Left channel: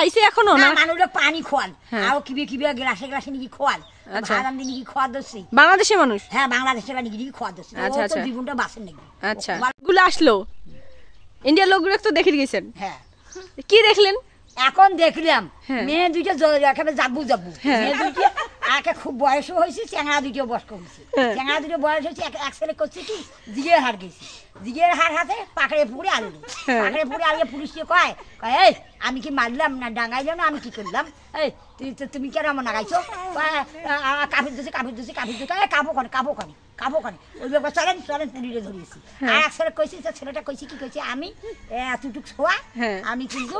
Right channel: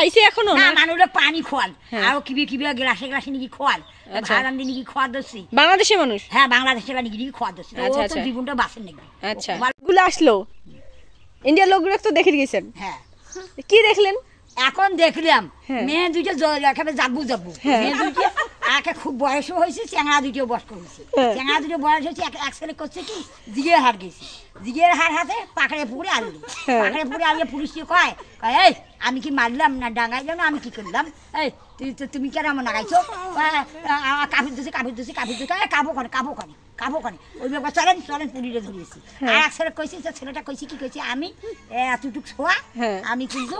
খাইছে এখনো না? মানুষে পানি খোয়াল আর কিবে কিবে গ্লাসে গ্লাসে নাকি খোয়াল ভাত রান্ধি নাকি খাওয়া দছি। বাংলাদেশের মানুষ? হ্যাঁ বাংলাদেশের নাকি খাওয়া দছি। আচ্ছা আচ্ছা, জীবনটা বাঁচেন নাকি। আচ্ছা গুলো আসলো ইন্ডিয়ার লোকগুলো তো দেখে গেছেন। হ্যাঁ কি দেখলেন? এখন দেখলাম মেয়ে দুইটা একেবারে যাবু যাবু, মেয়ে দুইটা একে খুব বয়সও হয়েছে, চ্যাংড়া দুইটা বয়স্ক হয়েছে। চ্যাংড়া দুটো বয়স হয়েছে, এক ছেলে করছে কি জিগের হার গেছে, জিগের হার হাতে পাকড়ে পুকুরে আলু, পাকড়ে পুকুরে আলু পুলিশকে কয় এই আমি কি মারলাম না ডাঙাইলাম না, আমি কি করলাম, এই তুমি কেন আমার নাগাইছো, কাপড় দিচ্ছে কাপড় দিচ্ছে কাপড় দিচ্ছে কাবো কানে কাবো কানে কাবো কানে, ওই ব্যাপার চলেন চলেন পুলিশে ধরিয়েছি। আর এক ছেলে কইছি, ছেলেটা কইছি কি কইছে আমি এতটুক ছোয়া আমি কিন্তু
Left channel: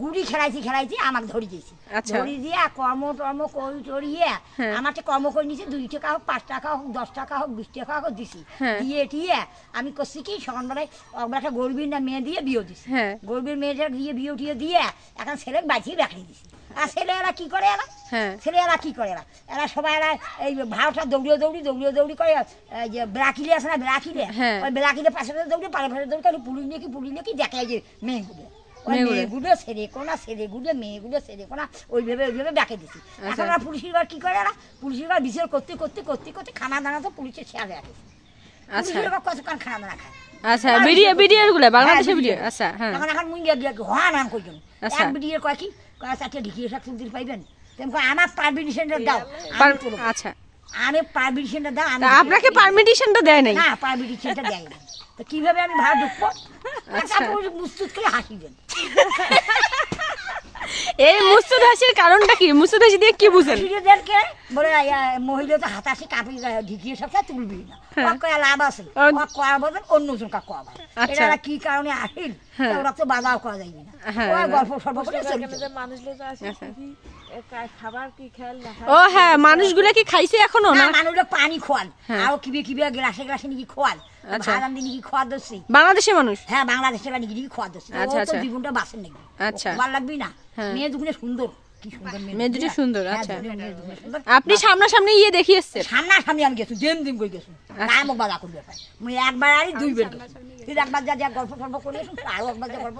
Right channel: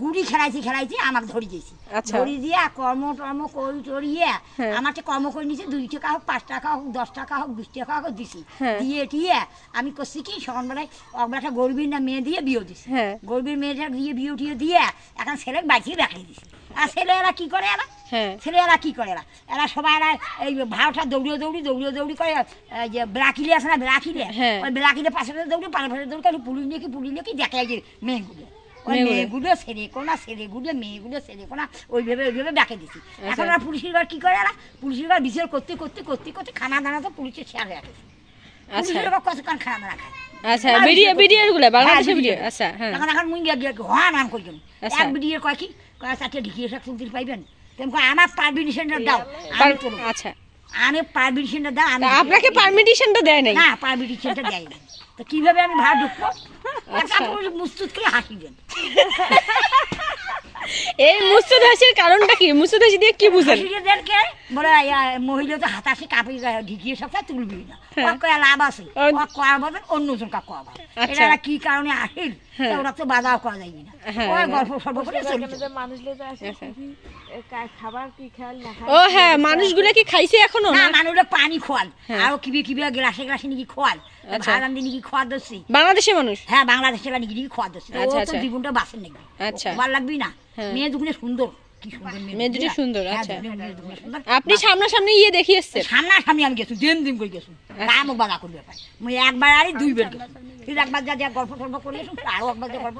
গুড়ি খেলাইছি আমাকে ধরি দিয়েছি, ধরি দিয়ে কর্ম টর্ম করি টরিয়ে আমার কর্ম করে নিয়েছি, 2 টাকা হোক 5 টাকা হোক 10 টাকা হোক 20 টাকা হোক দিছি, দিয়ে টিয়ে আমি করছি কি সকালবেলায় একটা গরিবের না মেয়ে দিয়ে বিয়ে দিছি, গরিবের মেয়েটা দিয়ে বিয়ে টিয়ে দিয়ে এখন ছেলে বাঁচিয়ে রাখিয়ে দিছি। আর ছেলেরা কি করে এরা, ছেলেরা কি করে এরা সবাই এরা এই ভাড়াটা দৌড়িয়ে দৌড়ি করে, যে ব্রাকিলে আছে না ব্রাকিলে, ওই ব্রাকিলে পাশে দৌড়ি পাড়ে পাশে দৌড়ি পুলিশ নিয়ে কি দেখায় যে মেয়েগুলো মেয়েগুলো ছেড়ে কোনা ছেলেগুলো মেয়েগুলো ছেড়ে কোনা ওইভাবে ডাকে দিছি। এখন আর পুলিশের ঘর কি করে এরা, পুলিশের ঘর বিচার করতে করতে করতে করতে খানা দানা তো পুলিশের শেয়ার রাখেছে, পুলিশের ঘর কতক্ষণ খানা দানা খায়। আচ্ছা ভিডিও গুলো বাংলাদেশের ভিডিও। আচ্ছা হ্যাঁ এখন মুই হওয়া নাম কইজন এক ভিডিও কয় কি কয় চারটে ঢিকিয়ে সব তুলতে পাইবেন, তেমন আমার পারমিশনটা দাও। আচ্ছা আমি পারমিশনটা দাও। আপনাকে পারমিশনটা দেয় নাই? না পারমিশনটা দেয় না, তো কিভাবে আমি ভাড়া ঢুকবো? মুস্তুদ করে হাসিবেন। এই মুস্তুদ হাসির কারণটা কি? মুস্তুদ হাসি দিয়ে কি বুঝেন? বলে মহিলা তো হাতাশি কাপড় ঢিকিয়ে সব তুলবি না, লাভ আছে কয়া বলবেন অন্যজন কা কয়া বল, এটা কি কারণে আসিল ওরা তো বাধাও করা যায়নি না, ওই গল্প সর্ব করে খাবার কি খেয়াল না। ও হ্যাঁ মানুষগুলো কি খাইছে এখনো না? মানুষে পানি খোয়াল আর কিবে কিবে গ্লাসে গ্লাসে নাকি খোয়াল ভাত রান্ধি নাকি খাওয়া দছি। বাংলাদেশের মানুষ? হ্যাঁ বাংলাদেশের নাকি খাওয়া দছি। জীবনটা বাঁচেন নাকি। আচ্ছা ভালো লাগবি না? মেয়ে দুগুলো সুন্দর, কি সুন্দর মেয়ে দুটো সুন্দর। আচ্ছা আপনি সামনাসামনি ইয়ে দেখিয়ে এসেছেন? সামনাসামনি আমি গেছি, দিন করে গেছি, গায়ে মুখ বাধা করবে মুই একবার আর 2 বার গেছি, একবার যা গল্প টল্প করে আরো একবার যা গল্প